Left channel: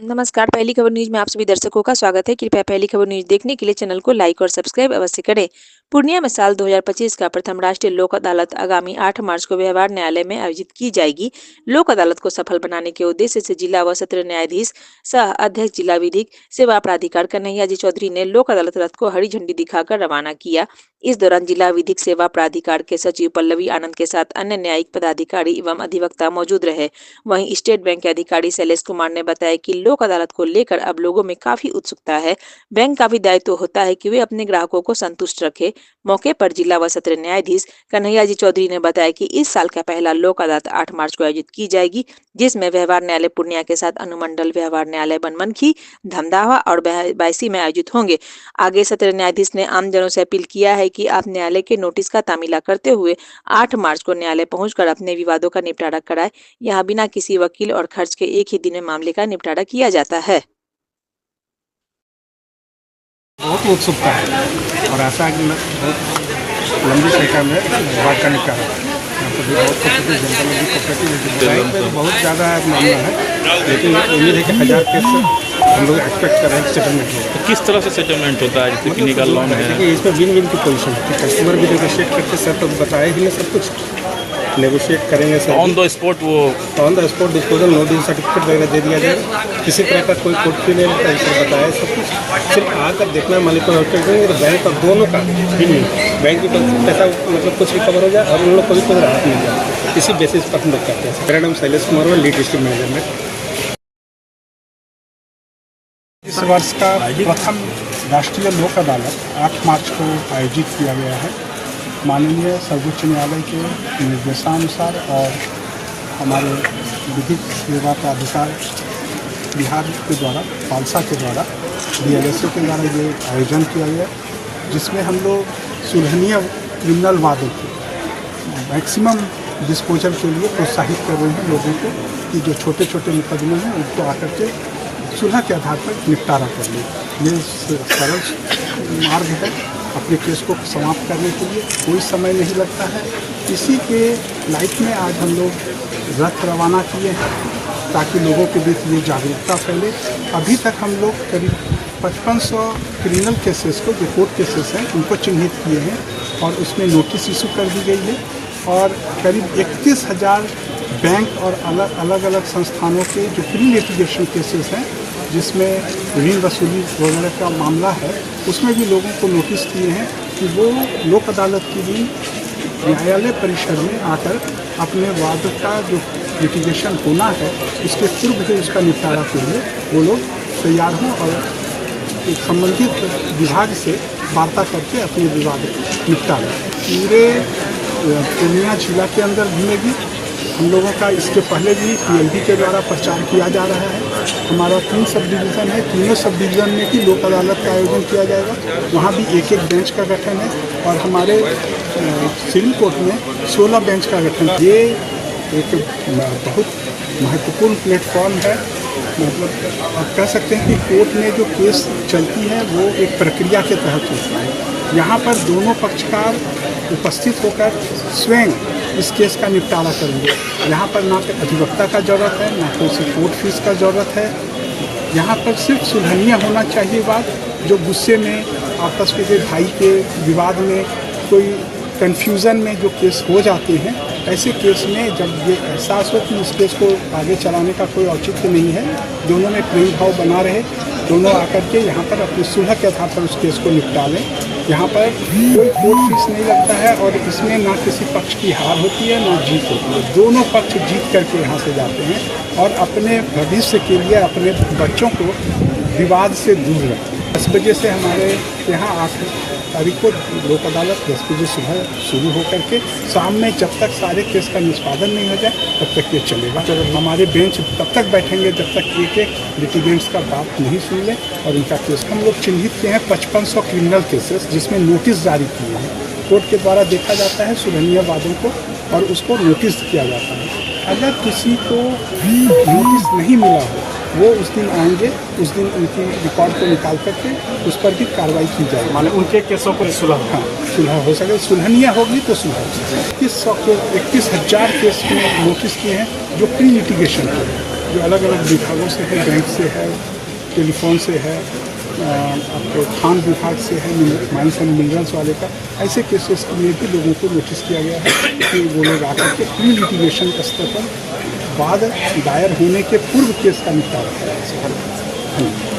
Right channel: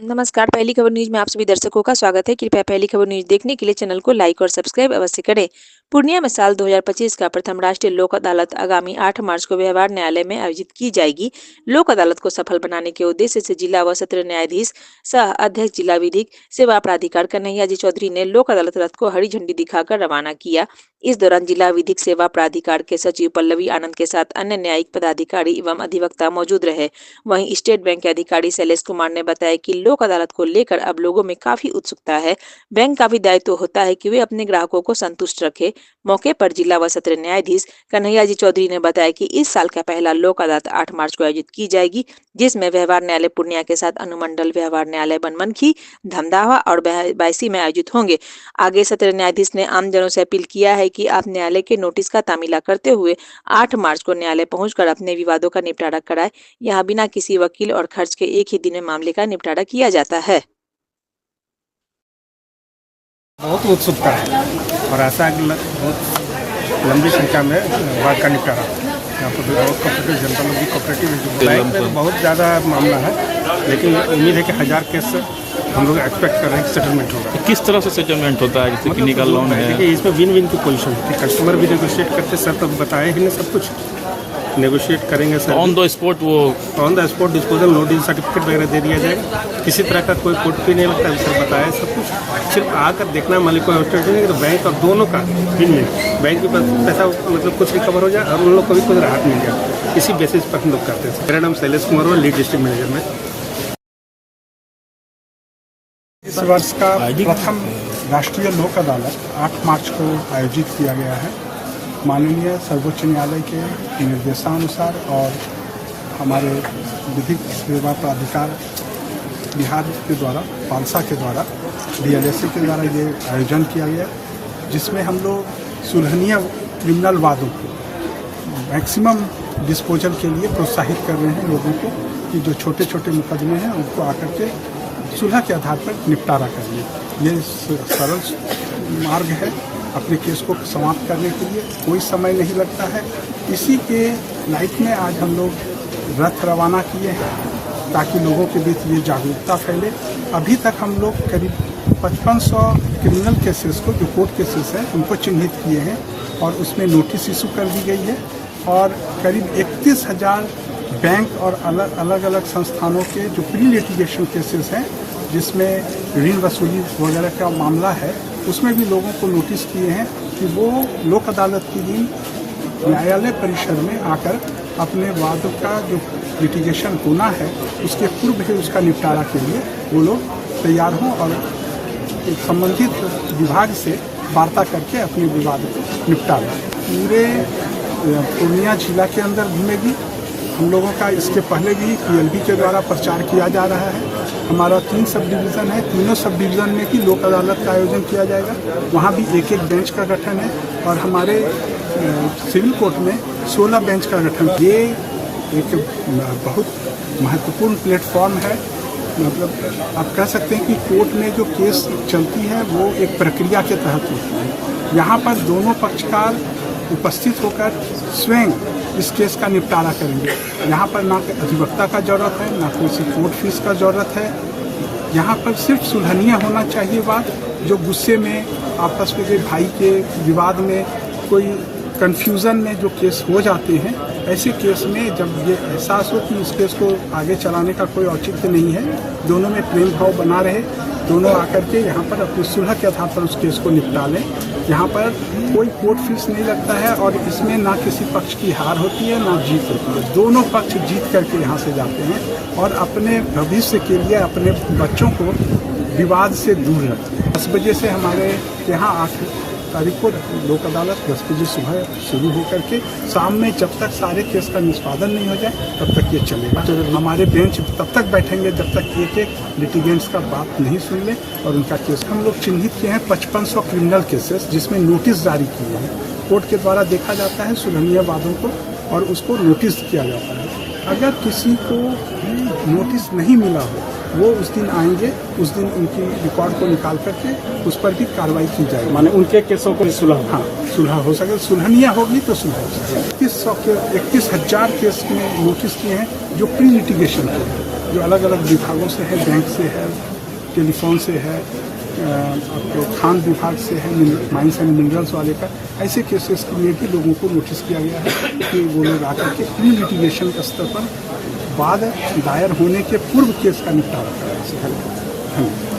नमस्कार, पहली खबर न्यूज़ में आप सभी दर्शकों का स्वागत है। कृपया पहली खबर न्यूज़ देखने के लिए चैनल को लाइक और सब्सक्राइब अवश्य करें। पूर्णिया में साल 2025 का प्रथम राष्ट्रीय लोक अदालत आगामी 8 मार्च को व्यवहार न्यायालय में आयोजित की जाएगी। लोक अदालत को सफल बनाने के उद्देश्य से जिला व सत्र न्यायाधीश सह अध्यक्ष जिला विधिक सेवा प्राधिकार कन्हैया जी चौधरी ने लोक अदालत रथ को हरी झंडी दिखाकर रवाना किया। इस दौरान जिला विधिक सेवा प्राधिकार के सचिव पल्लवी आनंद के साथ अन्य न्यायिक पदाधिकारी एवं अधिवक्ता मौजूद रहे। वहीं स्टेट बैंक के अधिकारी शैलेश कुमार ने बताया कि लोक अदालत को लेकर अब लोगों में काफी उत्सुकता है। बैंक का भी दायित्व होता है कि वे अपने ग्राहकों को संतुष्ट रखे। मौके पर जिला व सत्र न्यायाधीश कन्हैया जी चौधरी ने बताया कि इस साल का पहला लोक अदालत 8 मार्च को आयोजित की जाएगी, जिसमें व्यवहार न्यायालय पूर्णिया के साथ अनुमंडल व्यवहार न्यायालय बनमनखी, धमदावा और बायसी में आयोजित होंगे। आगे सत्र न्यायाधीश ने आमजनों से अपील किया है कि आप न्यायालय के नोटिस का तामीला करते हुए 8 मार्च को न्यायालय पहुंचकर अपने विवादों का निपटारा कराए। यहाँ बिना किसी वकील और खर्च के एक ही दिन में मामले का निपटारा किया जाता है। बहुत उत्सुकता है और ऐसा बहुत लंबी संख्या में बात का निपटारा यहाँ पर भी बहुत कोऑपरेटिव लाइफ में बहुत ज़्यादा मामला है, लेकिन उम्मीद है कि 1000 केस हम लोग एक्सपेक्ट कर रहे हैं सेटलमेंट होगा। तो किस तरह से सेटलमेंट होता है? मतलब कितनी का लोन है? देखिए इसमें विन विन की पोजीशन है, कस्टमर भी नेगोशिएट करके सब तो बताया ही नहीं, सब कुछ नेगोशिएट करेंगे सर। ऑन द स्पॉट वो on the spot disposal notice certificate वगैरह दे दिया जाएगा। किसी तरह का कोई कोर्ट फी नहीं लगता है, सर बताया सब कुछ। सिर्फ आकर देखना मालिक को आउटलेट करेंगे तो बैंक और दोनों का बिल नहीं, बैंक की पैसा मतलब कुछ रिकवर हो जाए और उन लोग को भी कोई राहत मिल जाए। इसी बेसिस पर हम लोग करते हैं। मेरा नाम शैलेश कुमार और लीड डिस्ट्रिक्ट मैनेजर है। इस वर्ष का प्रथम राष्ट्रीय लोक अदालत 8 मार्च को आयोजित किया गया है। माननीय सर्वोच्च न्यायालय के निर्देशानुसार और हमारे विधिक सेवा प्राधिकार बिहार के द्वारा, पालसा के द्वारा, DLSA के द्वारा ये आयोजन किया गया, जिसमें हम लोग सुलहनीय क्रिमिनल वादों को मैक्सिमम डिस्पोजल के लिए प्रोत्साहित कर रहे हैं लोगों को कि जो छोटे छोटे मुकदमे हैं उनको आकर के सुलह के आधार पर निपटारा कर लिया। ये सरल मार्ग है अपने केस को समाप्त करने के लिए, कोई समय नहीं लगता है। इसी के लाइफ में आज हम लोग रथ रवाना किए हैं ताकि लोगों के बीच ये जागरूकता फैले। अभी तक हम लोग करीब 5500 क्रिमिनल केसेस को, जो कोर्ट केसेस हैं, उनको चिन्हित किए हैं और उसमें नोटिस इशू कर दी गई है। और करीब 31,000 बैंक और अलग अलग संस्थानों के जो प्री लिटिगेशन केसेस हैं, जिसमें ऋण वसूली वगैरह का मामला है, उसमें भी लोगों को नोटिस किए हैं कि वो लोक अदालत के दिन न्यायालय परिसर में आकर अपने वाद का जो लिटिगेशन होना है उसके पूर्व ही उसका निपटारा के लिए वो लोग तैयार हों और संबंधित विभाग से वार्ता करके अपने विवाद को निपटा लें। पूरे पूर्णिया जिला के अंदर भी हम लोगों का इसके पहले भी PLB के द्वारा प्रचार किया जा रहा है। हमारा 3 सब डिवीज़न है, तीनों सब डिवीज़न में भी लोक अदालत का आयोजन किया जाएगा। वहाँ भी एक बेंच का गठन है और हमारे सिविल कोर्ट में 16 बेंच का गठन। ये एक बहुत महत्वपूर्ण प्लेटफॉर्म है। मतलब आप कह सकते हैं कि कोर्ट में जो केस चलती है वो एक प्रक्रिया के तहत होती है। यहाँ पर दोनों पक्षकार उपस्थित होकर स्वयं इस केस का निपटारा करेंगे। यहाँ पर ना अधिवक्ता का ज़रूरत है, ना किसी कोर्ट फीस का ज़रूरत है। यहाँ पर सिर्फ सुलहनीय होना चाहिए बात। जो गुस्से में आपस में भाई के विवाद में कोई कन्फ्यूज़न में जो केस हो जाते हैं, ऐसे केस में जब ये एहसास हो कि इस केस को आगे चलाने का कोई औचित्य नहीं है, दोनों में प्रेम भाव बना रहे, दोनों आकर के यहाँ पर अपनी सुलह के आधार पर उस केस को निपटा लें। यहाँ पर कोई कोर्ट फीस नहीं लगता है और इसमें ना किसी पक्ष की हार होती है ना जीत होती है। दोनों पक्ष जीत करके यहाँ से जाते हैं और अपने भविष्य के लिए अपने बच्चों को विवाद से दूर रखते हैं। 10 बजे से हमारे यहाँ 8 तारीख को लोक अदालत 10 बजे सुबह शुरू हो करके शाम में जब तक सारे केस का निष्पादन नहीं हो जाए तब तक ये चलेगा। हमारे बेंच तब तक बैठेंगे जब तक एक लिटिगेंट्स का बात नहीं सुन लें और उनका केस हम लोग चिन्हित किए हैं 5500 क्रिमिनल केसेस, जिसमें नोटिस जारी किए हैं। कोर्ट के द्वारा देखा जाता है सुलहनीय वादों को और उसको नोटिस किया जाता है। अगर किसी को नोटिस नहीं मिला हो वो उस दिन आएंगे, उस दिन उनकी रिकॉर्ड को निकाल करके उस पर भी कार्रवाई की जाएगी। माने उनके केसों पर सुलह, हाँ सुलह हो सके, सुलहनीय होगी तो सुलह हो सके। 21,000 केस में नोटिस किए हैं जो प्री लिटिगेशन के, जो अलग अलग विभागों से है, बैंक से है, टेलीफोन से है, आपके खान विभाग से है, माइंस एंड मिनरल्स वाले का, ऐसे केसेस के लिए भी लोगों को नोटिस किया गया है कि वो लोग आकर के प्री लिटिगेशन स्तर पर बाद दायर होने के पूर्व केस का निपटारा करें।